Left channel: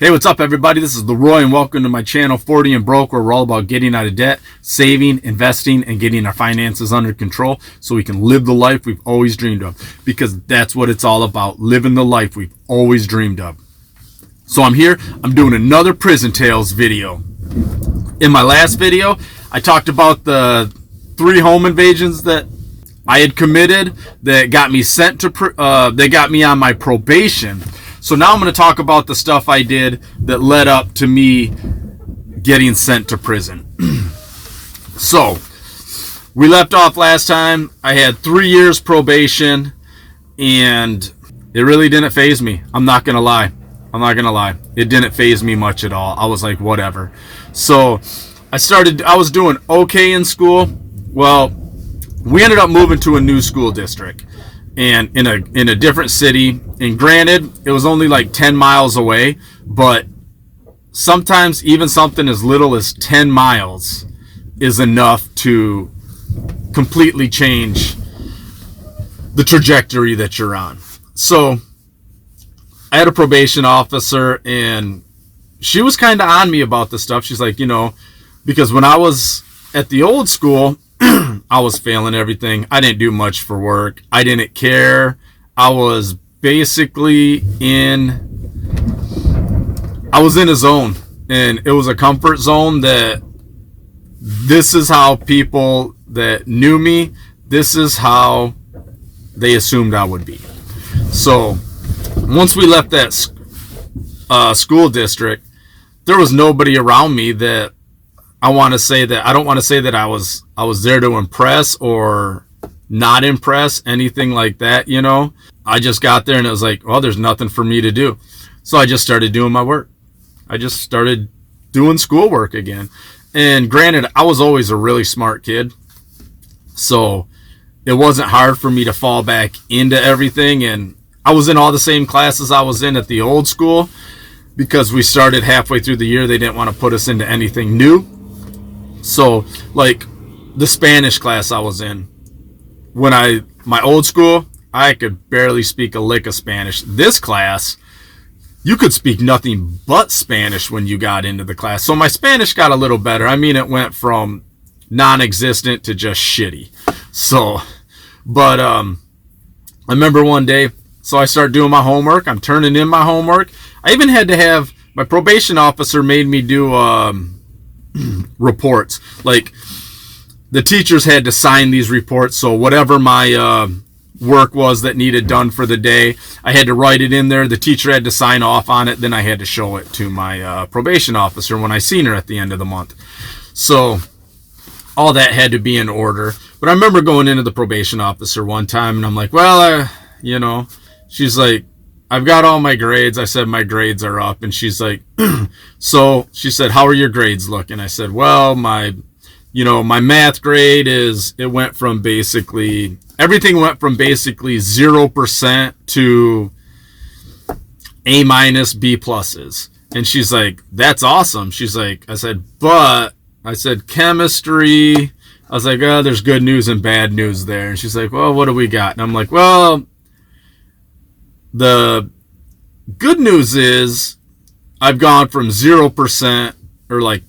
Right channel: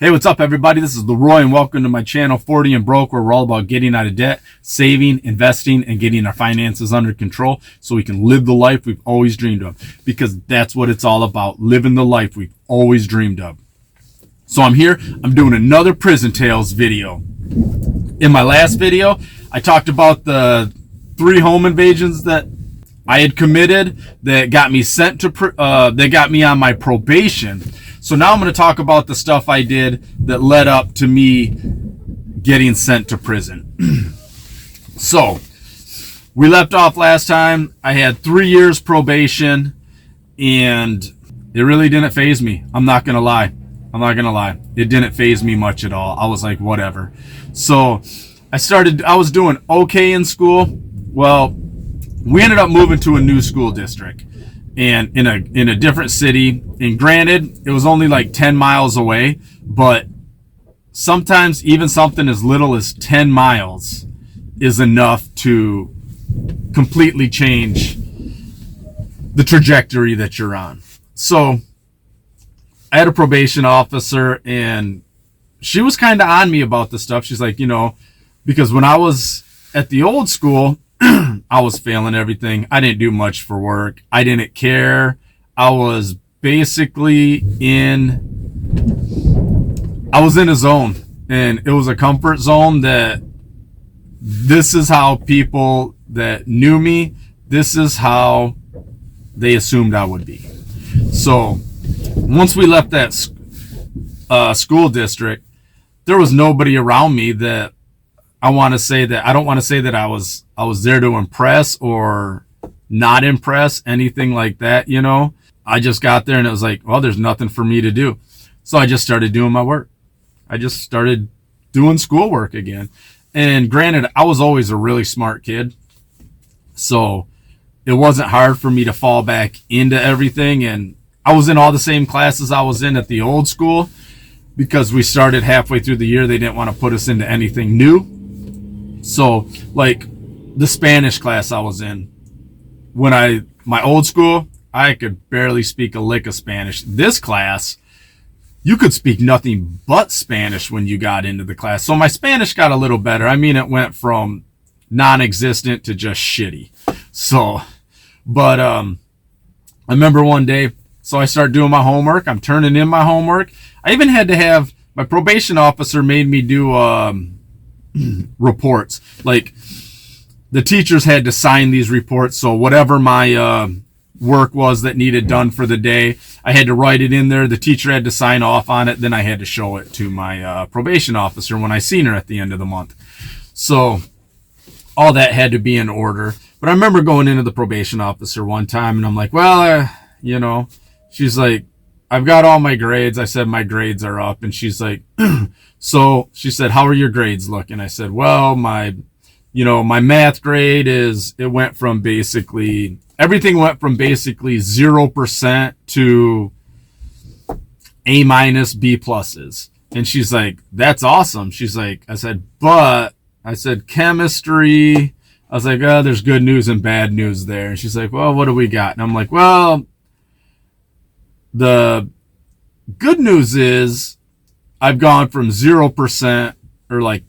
Hey, what's up, everybody? This is Leroy, and welcome to my channel, 40 and Broke, where we're all about getting out of debt, saving, investing, and getting our finances under control so we can live the life we've always dreamed of. Because that's what it's all about, living the life we've always dreamed of. So I'm here, I'm doing another Prison Tales video. In my last video, I talked about the 3 home invasions that I had committed that got me sent to, that got me on my probation. So now I'm going to talk about the stuff I did that led up to me getting sent to prison. So we left off last time. I had 3 years probation, and it really didn't faze me. I'm not going to lie. It didn't faze me much at all. I was like, whatever. So I was doing okay in school. Well, we ended up moving to a new school district and in a different city. And granted, it was only like 10 miles away, but sometimes even something as little as 10 miles is enough to completely change the trajectory that you're on. So I had a probation officer, and she was kind of on me about this stuff. She's like, because when I was at the old school, I was failing everything. I didn't do much for work. I didn't care. I was basically in a zone, and it was a comfort zone that this is how people that knew me, this is how they assumed I would be. So once we left that school district, there was nobody around me that I don't want to say that I was there to impress or not impress, anything like that, I just got there and it was like, well, there's nothing for me to do. So I just started doing my work. I just started doing schoolwork again. And granted, I was always a really smart kid, so it wasn't hard for me to fall back into everything. And I was in all the same classes I was in at the old school, because we started halfway through the year. They didn't want to put us into anything new. So like the Spanish class I was in, my old school, I could barely speak a lick of Spanish. This class, you could speak nothing but Spanish when you got into the class. So my Spanish got a little better. I mean, it went from non-existent to just shitty. So, but I remember one day, so I started doing my homework. I'm turning in my homework. I even had to have, my probation officer made me do reports. Like, the teachers had to sign these reports. So whatever my work was that needed done for the day, I had to write it in there. The teacher had to sign off on it. Then I had to show it to my probation officer when I seen her at the end of the month. So all that had to be in order. But I remember going into the probation officer one time, and I'm like, well, she's like, I've got all my grades. I said, my grades are up. And she's like, so she said, how are your grades looking? I said, well, my math grade everything went from basically 0% to A-, B+. And she's like, that's awesome. She's like, I said, chemistry. I was like, oh, there's good news and bad news there. And she's like, well, what do we got? And I'm like, well, the good news is I've gone from 0% or like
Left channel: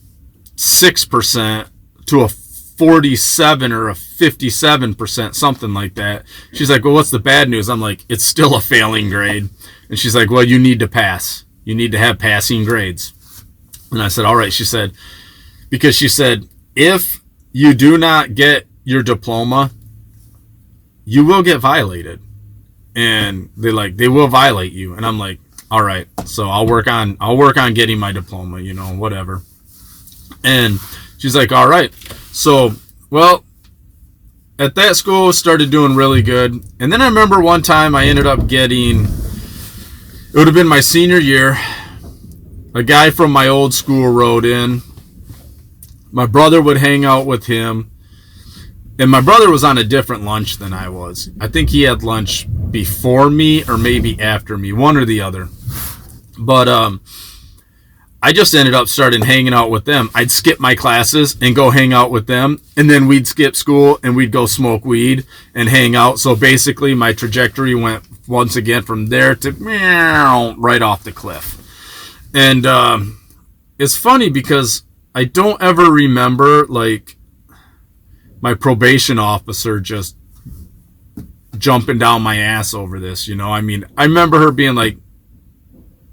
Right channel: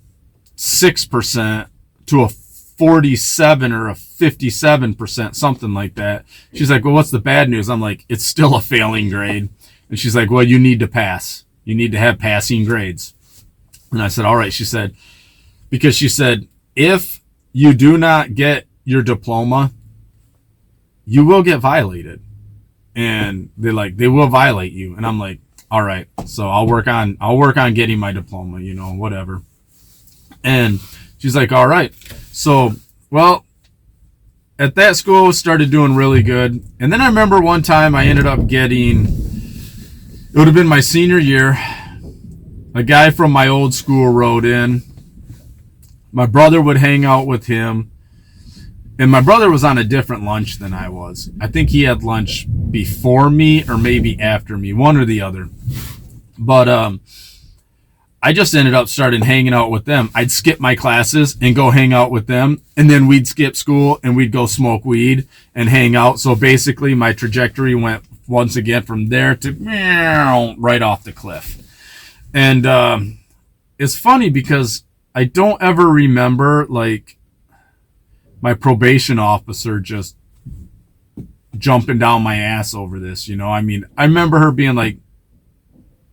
6% to a 47 or a 57%, something like that. She's like, well, what's the bad news? I'm like, it's still a failing grade. And she's like, well, you need to pass. You need to have passing grades. And I said, all right. She said, because she said, if you do not get your diploma, you will get violated. And they will violate you. And I'm like, all right, so I'll work on getting my diploma, whatever. And she's like, all right. So, well, at that school, started doing really good. And then I remember one time I ended up getting, it would have been my senior year, a guy from my old school wrote in. My brother would hang out with him. And my brother was on a different lunch than I was. I think he had lunch before me or maybe after me, one or the other. But I just ended up starting hanging out with them. I'd skip my classes and go hang out with them. And then we'd skip school and we'd go smoke weed and hang out. So basically my trajectory went once again from there to right off the cliff. And it's funny because I don't ever remember like my probation officer just jumping down my ass over this, you know. I mean, I remember her being like,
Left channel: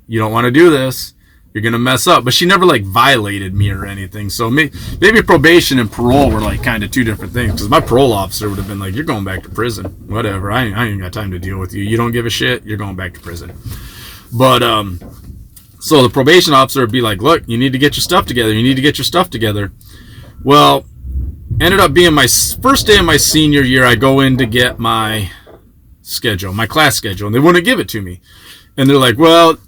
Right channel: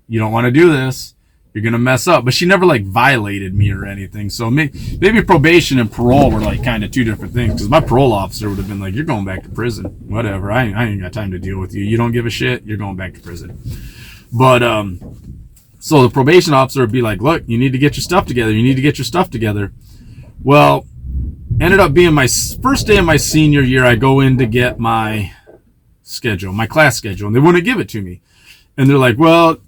you don't want to do this, you're gonna mess up, but she never like violated me or anything. So maybe probation and parole were like kind of two different things, because my parole officer would have been like, you're going back to prison, whatever, I ain't got time to deal with you, you don't give a shit, you're going back to prison. But so the probation officer would be like, look, you need to get your stuff together. Well, ended up being my first day of my senior year. I go in to get my class schedule, and they wouldn't give it to me. And they're like, well,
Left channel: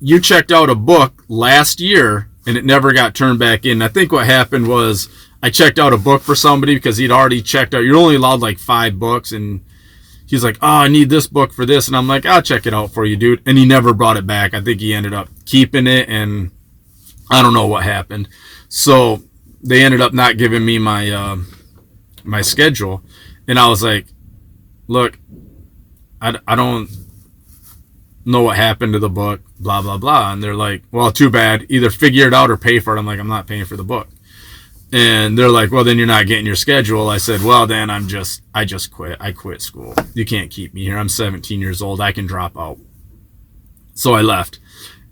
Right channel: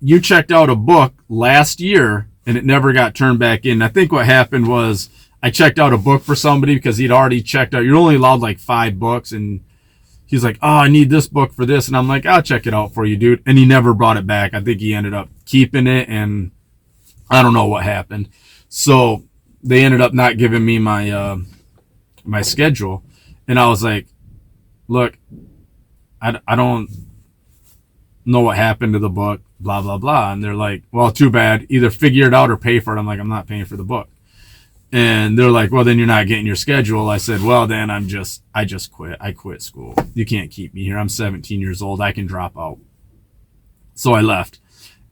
you checked out a book last year and it never got turned back in. I think what happened was I checked out a book for somebody because he'd already checked out. You're only allowed like 5 books. And he's like, oh, I need this book for this. And I'm like, I'll check it out for you, dude. And he never brought it back. I think he ended up keeping it, and I don't know what happened. So they ended up not giving me my my schedule. And I was like, look, I don't know what happened to the book, blah, blah, blah. And they're like, well, too bad. Either figure it out or pay for it. I'm like, I'm not paying for the book. And they're like, well, then you're not getting your schedule. I said, well, then I just quit. I quit school. You can't keep me here. I'm 17 years old. I can drop out. So I left.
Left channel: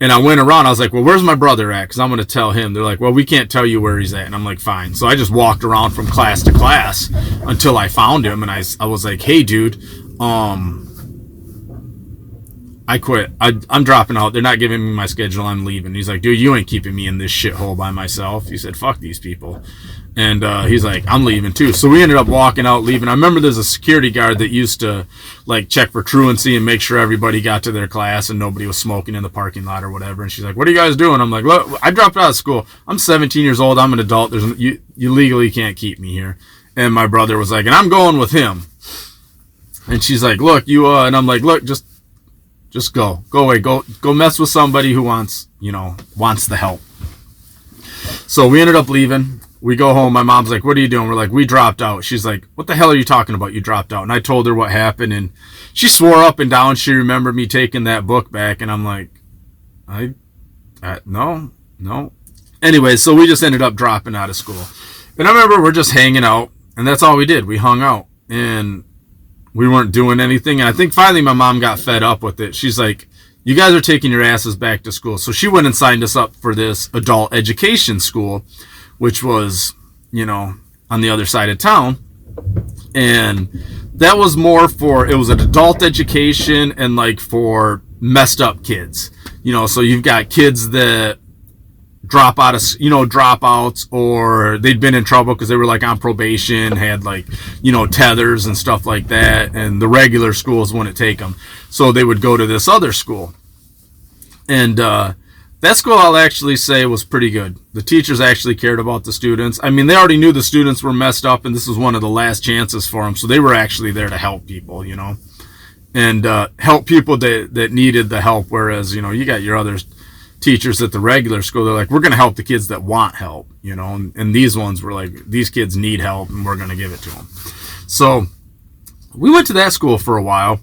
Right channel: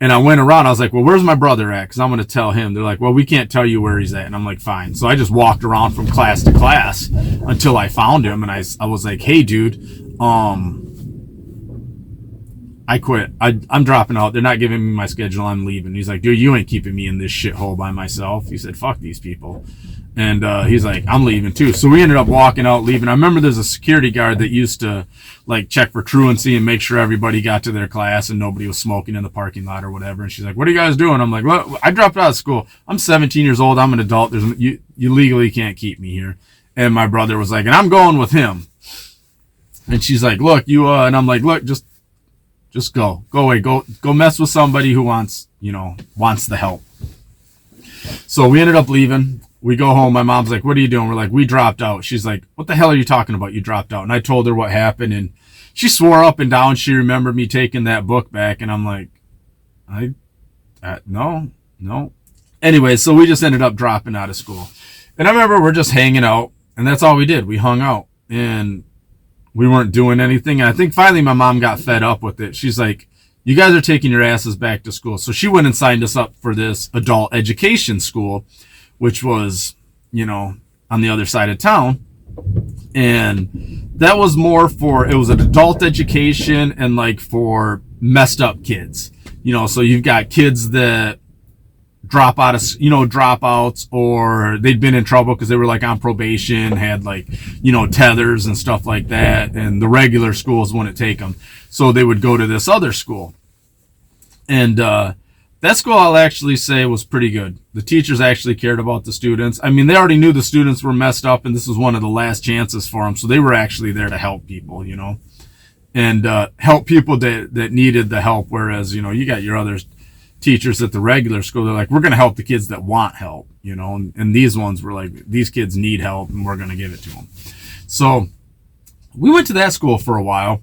And I went around. I was like, well, where's my brother at? Because I'm going to tell him. They're like, well, we can't tell you where he's at. And I'm like, fine. So I just walked around from class to class until I found him. And I was like, hey, dude, I quit. I'm dropping out. They're not giving me my schedule. I'm leaving. He's like, dude, you ain't keeping me in this shithole by myself. He said, fuck these people. And he's like, I'm leaving too. So we ended up walking out, leaving. I remember there's a security guard that used to like check for truancy and make sure everybody got to their class and nobody was smoking in the parking lot or whatever. And she's like, what are you guys doing? I'm like, look, I dropped out of school. I'm 17 years old. I'm an adult. You legally can't keep me here. And my brother was like, and I'm going with him. And she's like, look, and I'm like, look, just go away, go mess with somebody who wants the help. So we ended up leaving. We go home. My mom's like, what are you doing? We're like, we dropped out. She's like, what the hell are you talking about? You dropped out. And I told her what happened, and she swore up and down she remembered me taking that book back. And I'm like, no. Anyway, so we just ended up dropping out of school. And I remember we're just hanging out, and that's all we did. We hung out, and we weren't doing anything. And I think finally my mom got fed up with it. She's like, you guys are taking your asses back to school. So she went and signed us up for this adult education school, which was, on the other side of town. And that was more it was an adult education and like for messed up kids. So you've got kids that drop out of, dropouts, or they'd been in trouble because they were like on probation, had like, tethers and stuff like that. And the regular schools wouldn't take them. So they would go to this other school. And, that school, I'll actually say, was pretty good. The teachers actually cared about the students. I mean, they already knew the students were messed up, and this was one of the last chances for them. So they were actually there to help people, and help people that needed the help. Whereas, you got your other teachers at the regular school, they're like, we're going to help the kids that want help, and these ones were like, these kids need help, and we're going to give it to them. So we went to that school for a while,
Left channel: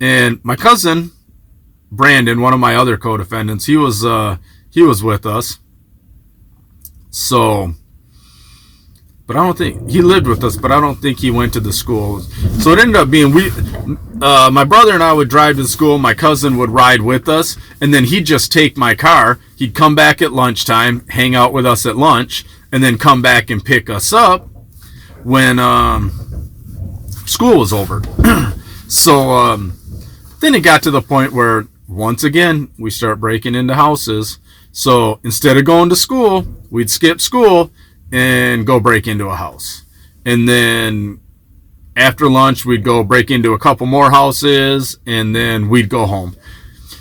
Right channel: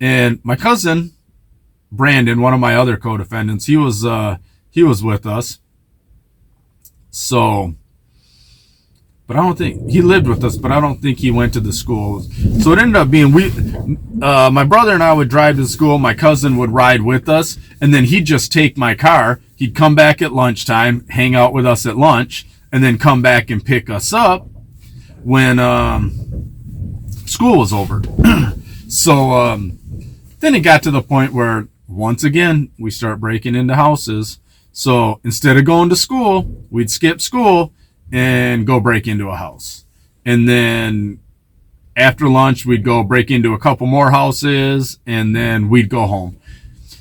and my cousin Brandon, one of my other co-defendants, he was with us. So, but I don't think he lived with us, but I don't think he went to the school. So it ended up being my brother and I would drive to the school. My cousin would ride with us, and then he'd just take my car. He'd come back at lunchtime, hang out with us at lunch, and then come back and pick us up when school was over. So then it got to the point where, once again, we start breaking into houses. So instead of going to school, we'd skip school and go break into a house. And then after lunch, we'd go break into a couple more houses, and then we'd go home.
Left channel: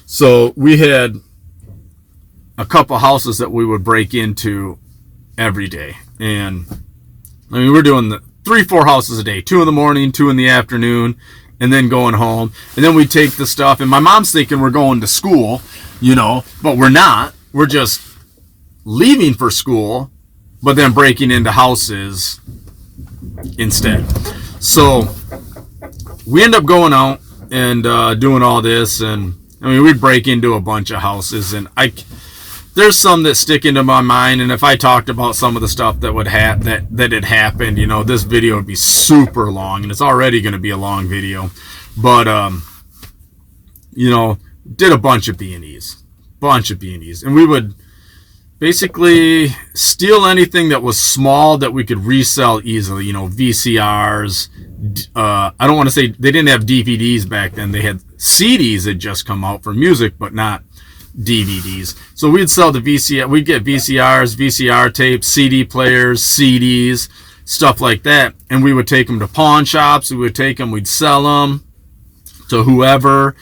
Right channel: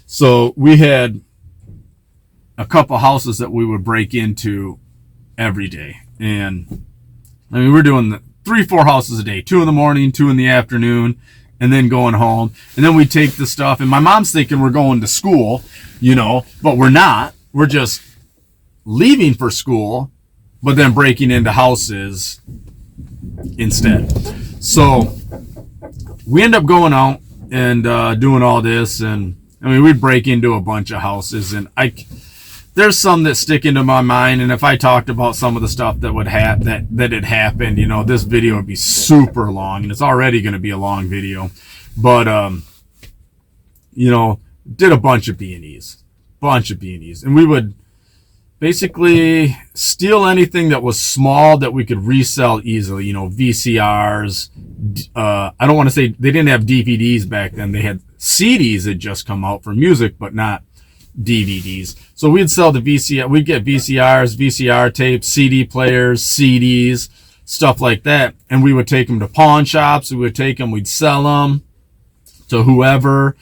So we had a couple houses that we would break into every day. And I mean, we're doing 3-4 houses a day, 2 in the morning, 2 in the afternoon, and then going home. And then we take the stuff, and my mom's thinking we're going to school, but we're not. We're just leaving for school, but then breaking into houses instead. So we end up going out and doing all this, and I mean, we'd break into a bunch of houses, and there's some that stick into my mind, and if I talked about some of the stuff that would that had happened, this video would be super long, and it's already going to be a long video. But did a bunch of B&Es, and we would basically steal anything that was small that we could resell easily. VCRs. I don't want to say they didn't have DVDs back then. They had CDs that just come out for music, but not DVDs. So we'd sell the VCR. We'd get VCRs, VCR tapes, CD players, CDs, stuff like that, and we would take them to pawn shops. We'd sell them to whoever.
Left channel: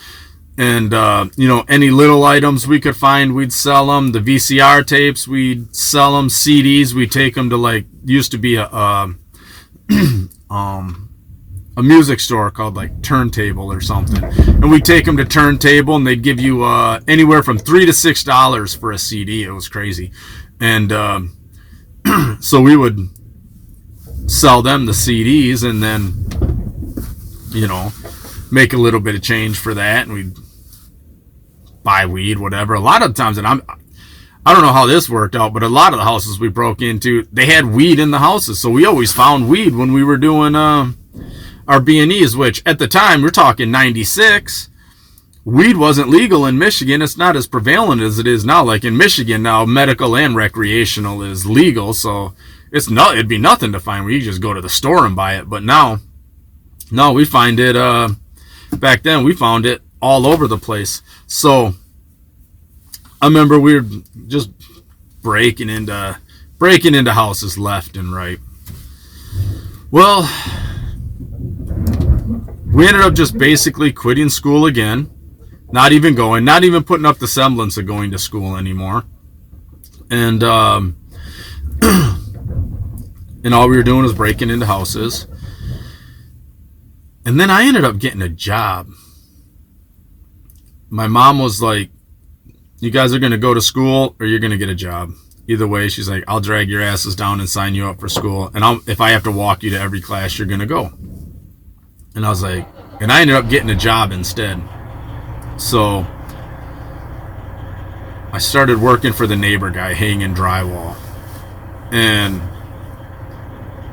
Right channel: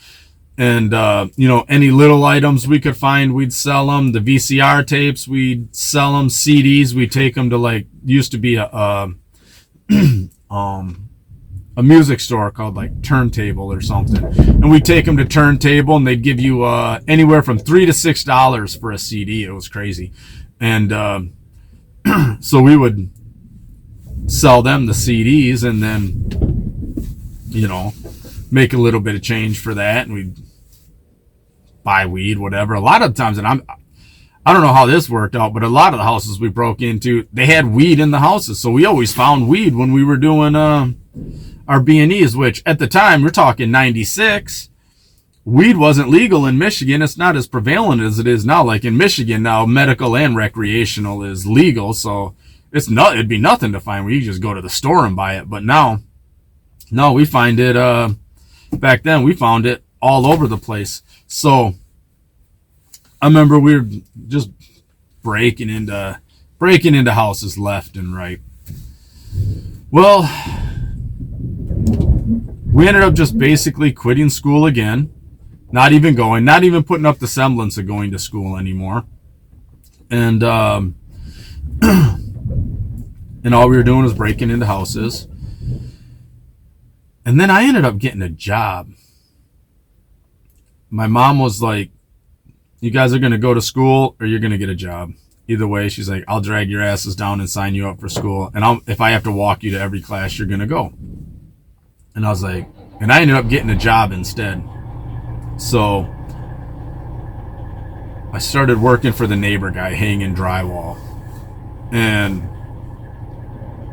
And, any little items we could find, we'd sell them. The VCR tapes, we'd sell them. CDs, we'd take them to, used to be a music store called, Turntable or something. And we'd take them to Turntable, and they'd give you anywhere from $3 to $6 for a CD. It was crazy. And so we would sell them the CDs and then, make a little bit of change for that, and we'd buy weed, whatever. A lot of times, and I don't know how this worked out, but a lot of the houses we broke into, they had weed in the houses, so we always found weed when we were doing our B&Es, which at the time, we're talking 96, weed wasn't legal in Michigan. It's not as prevalent as it is now. Like in Michigan now, medical and recreational is legal, so it'd be nothing to find where you just go to the store and buy it. But now, no, we find it, back then we found it all over the place. So I remember we were just breaking into houses left and right. Well, we ended up just basically quitting school again, not even putting up the semblance of going to school anymore. And and all we were doing was breaking into houses. And then I ended up getting a job. My mom was like, you guys are going to go to school or you're going to get a job. Either way, she's like, I'll drag your asses down and sign you up for school. And if I have to walk you to every class, you're going to go. And I was like, and I ended up getting a job instead. So I started working for the neighbor guy hanging drywall. And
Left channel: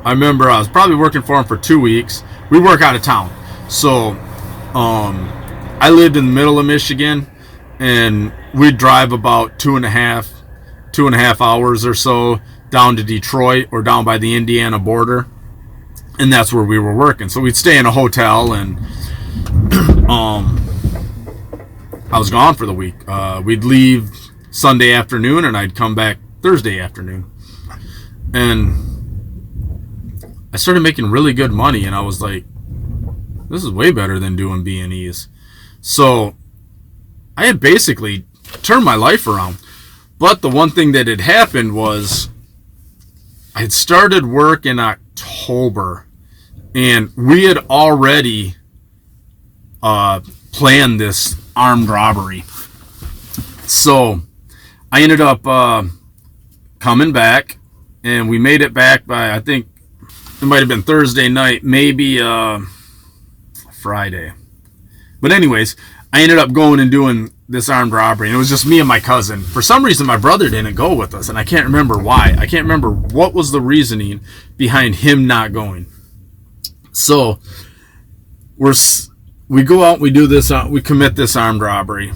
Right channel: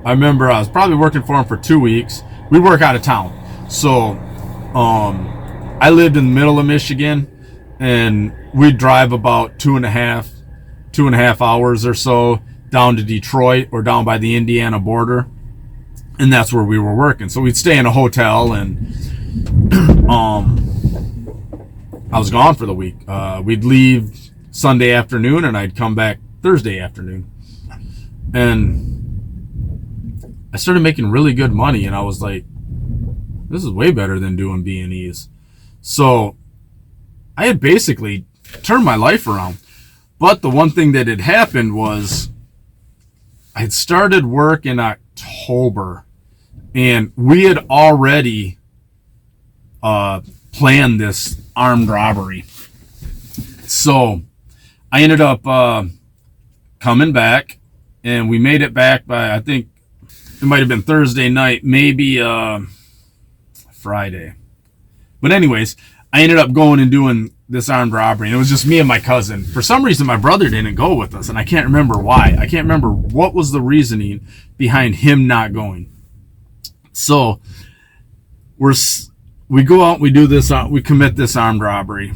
I remember I was probably working for him for 2 weeks. We work out of town. So I lived in the middle of Michigan, and we'd drive about two and a half hours or so down to Detroit or down by the Indiana border. And that's where we were working. So we'd stay in a hotel, and I was gone for the week. We'd leave Sunday afternoon, and I'd come back Thursday afternoon. And I started making really good money, and I was like, this is way better than doing B&Es. So I had basically turned my life around. But the one thing that had happened was I had started work in October, and we had already planned this armed robbery. So I ended up coming back, and we made it back by, I think it might have been Thursday night, maybe Friday. But anyways, I ended up going and doing this armed robbery, and it was just me and my cousin. For some reason, my brother didn't go with us, and I can't remember why. I can't remember what was the reasoning behind him not going. So we go out, we do this, we commit this armed robbery,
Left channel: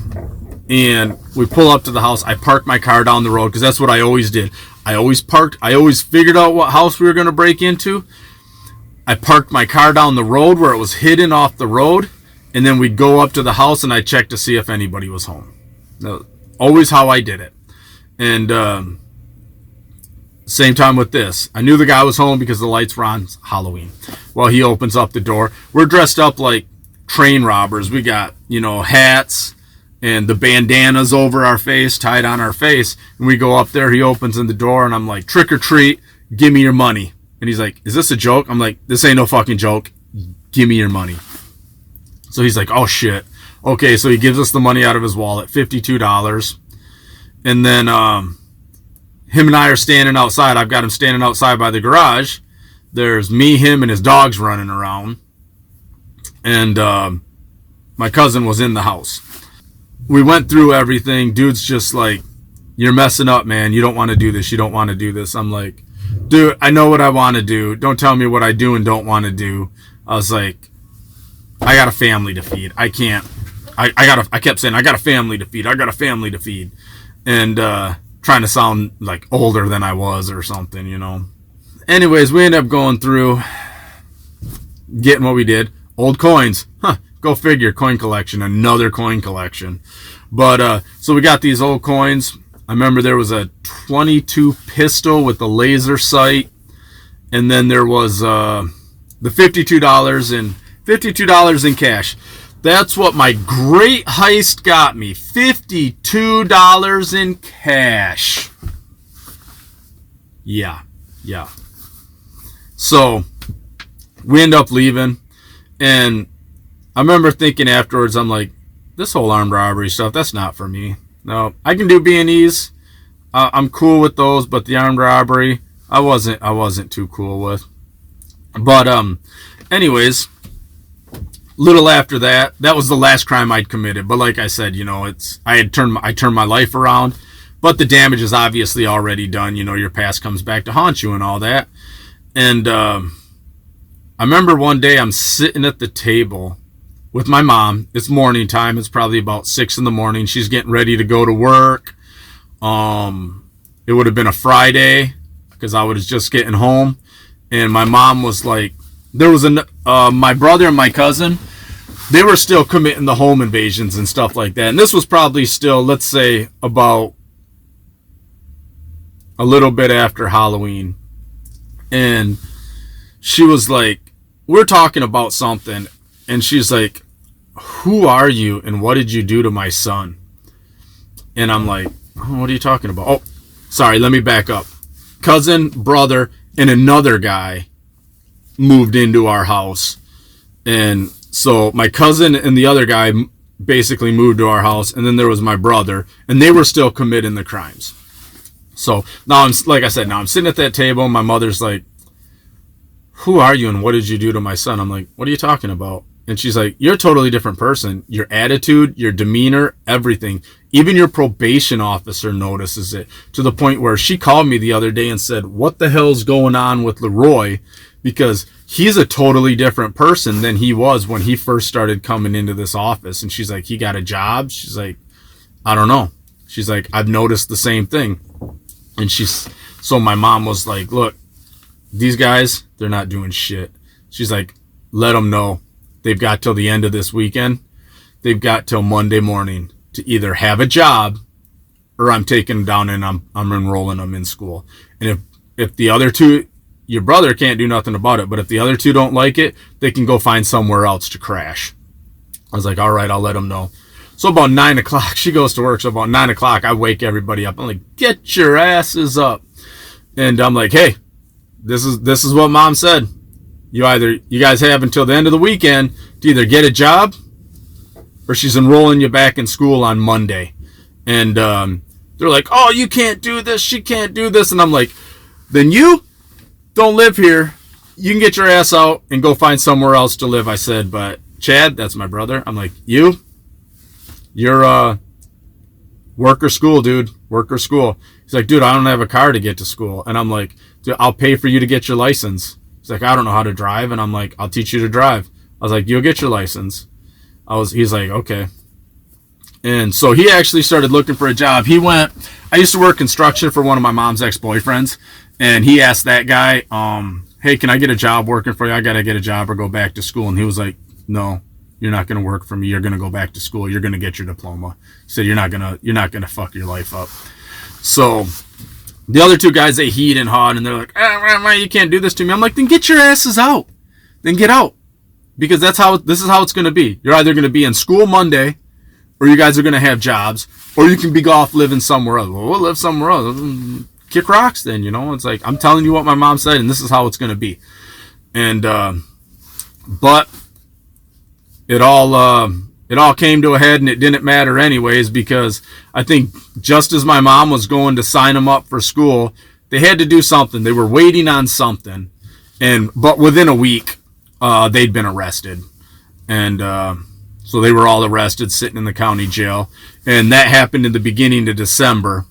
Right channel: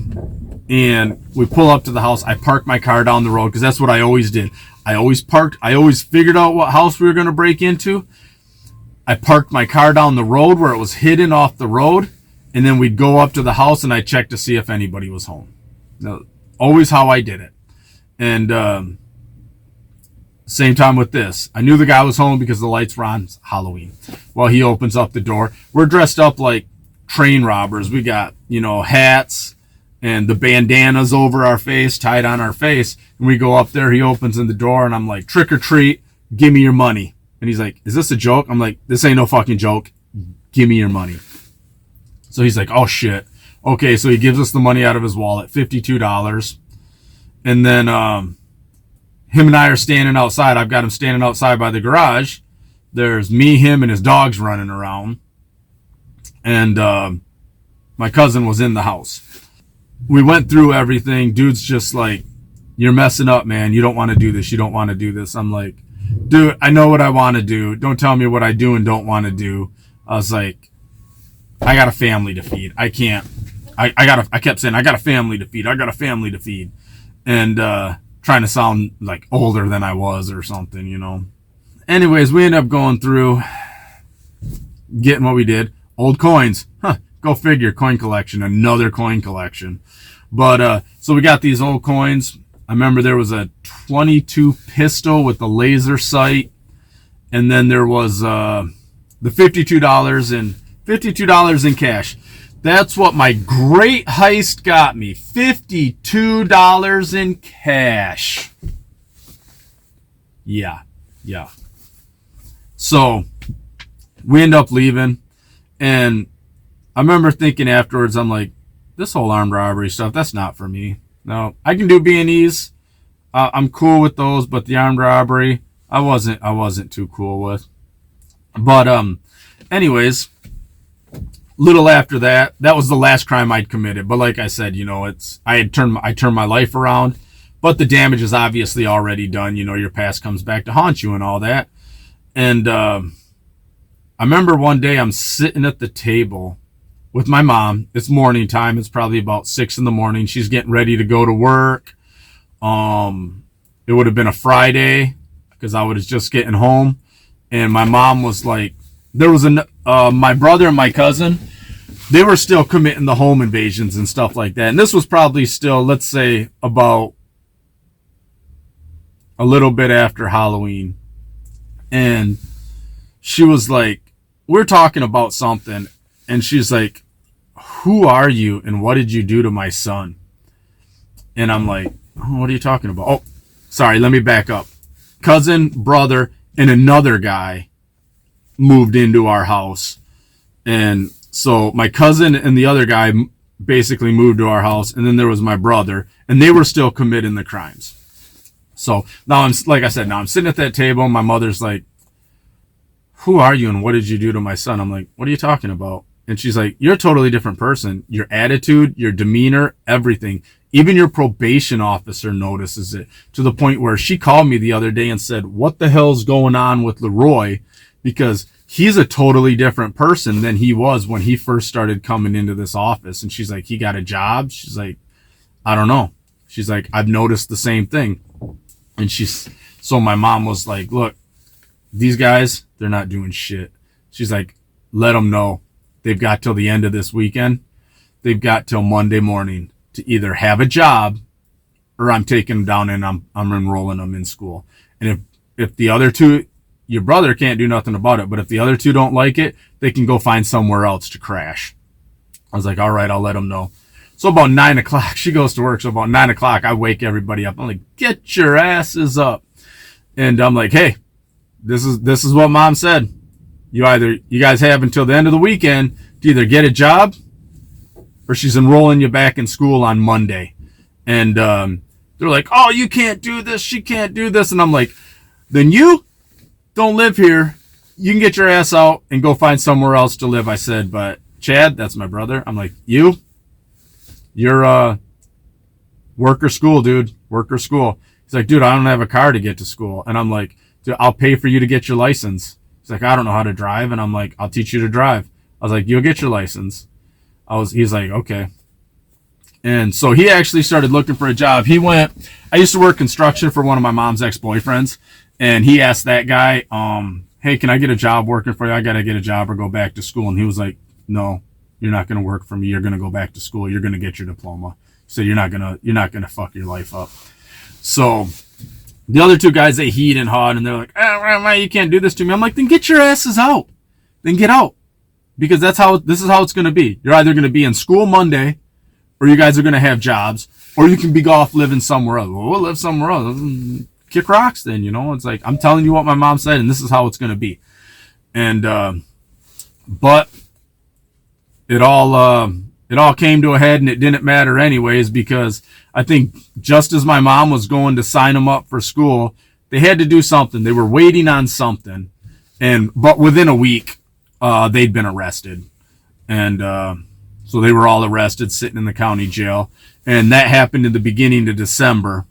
and we pull up to the house. I park my car down the road because that's what I always did. I always figured out what house we were going to break into. I parked my car down the road where it was hidden off the road, and then we'd go up to the house and I checked to see if anybody was home. Always how I did it. And same time with this. I knew the guy was home because the lights were on. It's Halloween. Well, he opens up the door. We're dressed up like train robbers. We got, hats and the bandanas over our face, tied on our face. And we go up there. He opens in the door, and I'm like, trick or treat, give me your money. And he's like, is this a joke? I'm like, this ain't no fucking joke. Give me your money. So he's like, oh shit. Okay, so he gives us the money out of his wallet, $52. And then him and I are standing outside. I've got him standing outside by the garage. There's me, him, and his dogs running around. And my cousin was in the house. We went through everything. Dude's just like you're messing up, man. You don't want to do this. You don't want to do this. I'm like, dude, I know what I want to do. Don't tell me what I do and don't want to do. I was like, I got a family to feed. I can't. I kept saying, I got a family to feed. I got a family to feed. And trying to sound like older than I was or something, you know. Anyways, we ended up going through, getting what we did. Old coins. Go figure. Coin collection. Another coin collection. But so we got these old coins. I remember there was a 22 pistol with the laser sight. And then there was the $52 in cash. That's what my great heist got me. $52 in cash. Yeah. So we end up leaving. And I remember thinking afterwards, I'm like, this whole armed robbery stuff, that's not for me. No, I can do B&Es. I'm cool with those, but the armed robbery, I wasn't too cool with. But anyways, little after that was the last crime I'd committed. But like I said, you know, I turned my life around, but the damage is obviously already done. You know, your past comes back to haunt you and all that. And I remember one day I'm sitting at the table with my mom. It's morning time. It's probably about 6 a.m. She's getting ready to go to work. It would have been a Friday because I was just getting home. And my mom was like, there was my brother and my cousin, they were still committing the home invasions and stuff like that. And this was probably still, let's say, about a little bit after Halloween. And she was like, we're talking about something. And she's like, who are you and what did you do to my son? And I'm like, oh, what are you talking about? Oh, sorry, let me back up. Cousin, brother, and another guy moved into our house. And so my cousin and the other guy basically moved to our house. And then there was my brother, and they were still committing the crimes. So now I'm sitting at that table. And my mother's like, who are you and what did you do to my son? I'm like, what are you talking about? And she's like, you're a totally different person. Your attitude, your demeanor, everything. Even your probation officer notices it, to the point where she called me the other day and said, what the hell's going on with Leroy? Because he's a totally different person than he was when he first started coming into this office. And she's like, he got a job? She's like, I don't know. She's like, I've noticed the same thing. And so my mom was like, look, these guys, they're not doing shit. She's like, let them know. They've got till the end of this weekend. They've got till Monday morning to either have a job or I'm taking them down and I'm enrolling them in school. And if the other two, your brother can't do nothing about it, but if the other two don't like it, they can go find somewhere else to crash. I was like, all right, I'll let them know. So about 9 o'clock, she goes to work. So about 9 o'clock, I wake everybody up. I'm like, get your asses up. And I'm like, hey, this is what mom said. You guys have until the end of the weekend to either get a job or she's enrolling you back in school on Monday. And they're like, oh, you can't do this. She can't do this. And I'm like, then you don't live here. You can get your ass out and go find somewhere else to live. I said, but Chad, that's my brother. I'm like, you're work or school, dude. Work or school. He's like, dude, I don't have a car to get to school. And I'm like, dude, I'll pay for you to get your license. He's like, I don't know how to drive. And I'm like, I'll teach you to drive. I was like, you'll get your license. He's like, okay. And so he actually started looking for a job. I used to work construction for one of my mom's ex-boyfriends. And he asked that guy, hey, can I get a job working for you? I got to get a job or go back to school. And he was like, no, you're not going to work for me. You're going to go back to school. You're going to get your diploma. He said, you're not going to fuck your life up. So the other two guys, they heed and hawed, and they're like, you can't do this to me. I'm like, then get your asses out. Then get out. Because this is how it's going to be. You're either going to be in school Monday, or you guys are going to have jobs, or you can be off living somewhere else. Well, we'll live somewhere else. Kick rocks then, you know. It's like, I'm telling you what my mom said, and this is how it's going to be. And, but it all came to a head, and it didn't matter anyways, because I think just as my mom was going to sign them up for school, they had to do something. They were waiting on something. But within a week, they'd been arrested. And so they were all arrested, sitting in the county jail. And that happened in the beginning of December.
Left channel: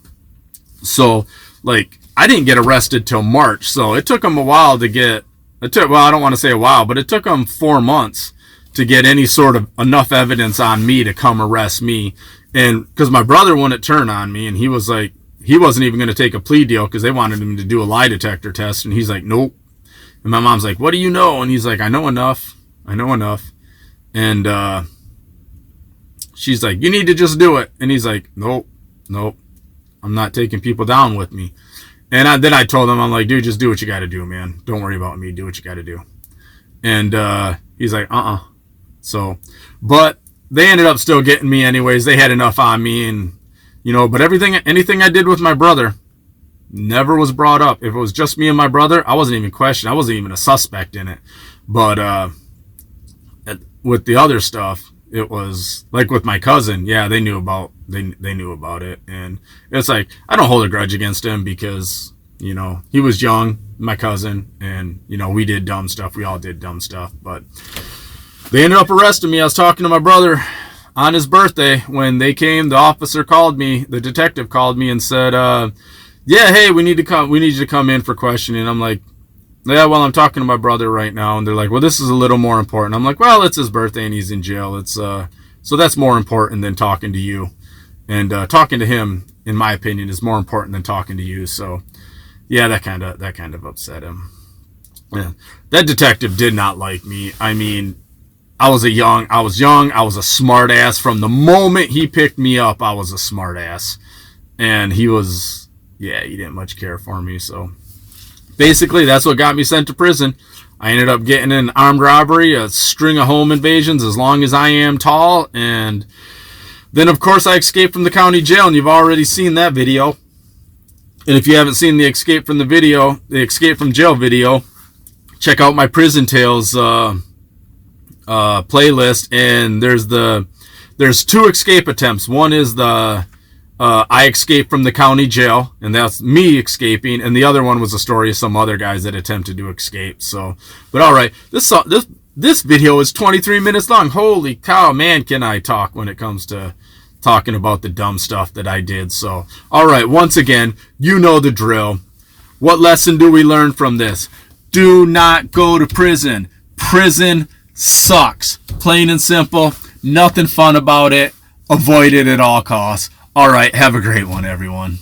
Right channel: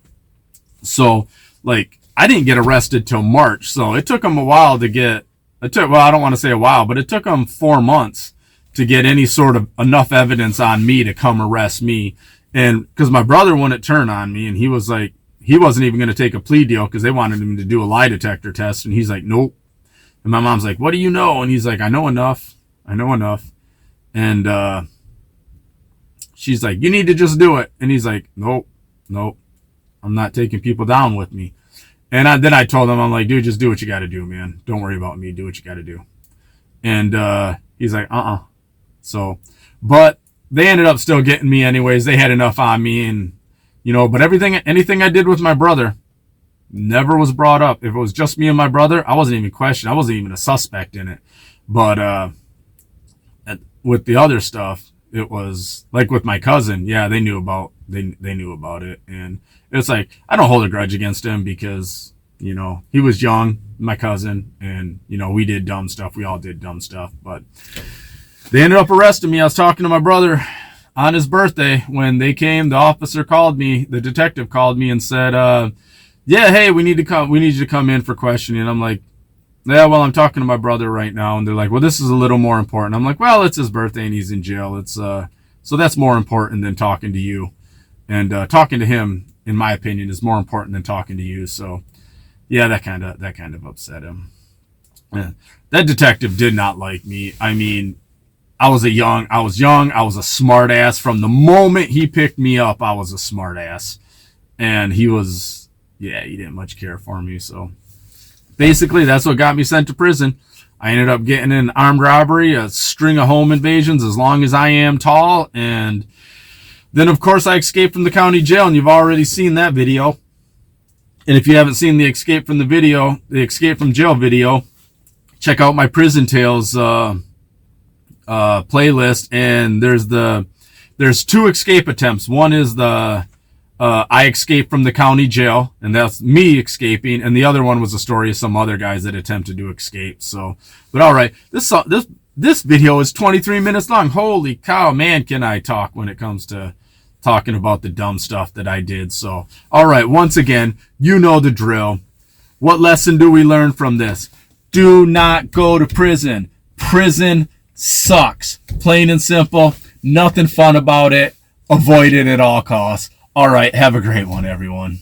So like I didn't get arrested till March. So it took them a while to get, well, I don't want to say a while, but it took them 4 months to get any sort of enough evidence on me to come arrest me. And because my brother wouldn't turn on me, and he was like, he wasn't even going to take a plea deal because they wanted him to do a lie detector test. And he's like, nope. And my mom's like, what do you know? And he's like, I know enough. And she's like, you need to just do it. And he's like, nope, I'm not taking people down with me. And then I told him, I'm like, dude, just do what you got to do, man. Don't worry about me. Do what you got to do. And he's like, So, but they ended up still getting me anyways. They had enough on me, and but anything I did with my brother never was brought up. If it was just me and my brother, I wasn't even questioned. I wasn't even a suspect in it. But with the other stuff, it was like with my cousin. Yeah, they knew about it, and it's like I don't hold a grudge against him because he was young, my cousin, and we did dumb stuff. We all did dumb stuff, but they ended up arresting me. I was talking to my brother on his birthday when they came. The officer called me, the detective called me and said, yeah, hey, we need you to come in for questioning. I'm like, yeah, well, I'm talking to my brother right now. And they're like, well, this is a little more important. I'm like, well, it's his birthday and he's in jail. It's so that's more important than talking to you. And talking to him, in my opinion, is more important than talking to you. So yeah, that kind of upset him. Yeah. That detective did not like me. I mean, I was young. I was a smart ass. From the moment he picked me up, I was a smart ass. And he didn't much care for me. So basically, that's what got me sent to prison. I ended up getting an armed robbery, a string of home invasions, as long as I am tall. And then, of course, I escaped from the county jail, and you've already seen that video. And if you haven't seen the escape from jail video, check out my Prison Tales playlist. And there's 2 escape attempts. One is the I escaped from the county jail, and that's me escaping, and the other one was a story of some other guys that attempted to escape. So, but all right, this video is 23 minutes long. Holy cow, man, can I talk when it comes to talking about the dumb stuff that I did. So, all right, once again, you know the drill. What lesson do we learn from this? Do not go to prison. Prison sucks. Plain and simple. Nothing fun about it. Avoid it at all costs. All right, have a great one, everyone.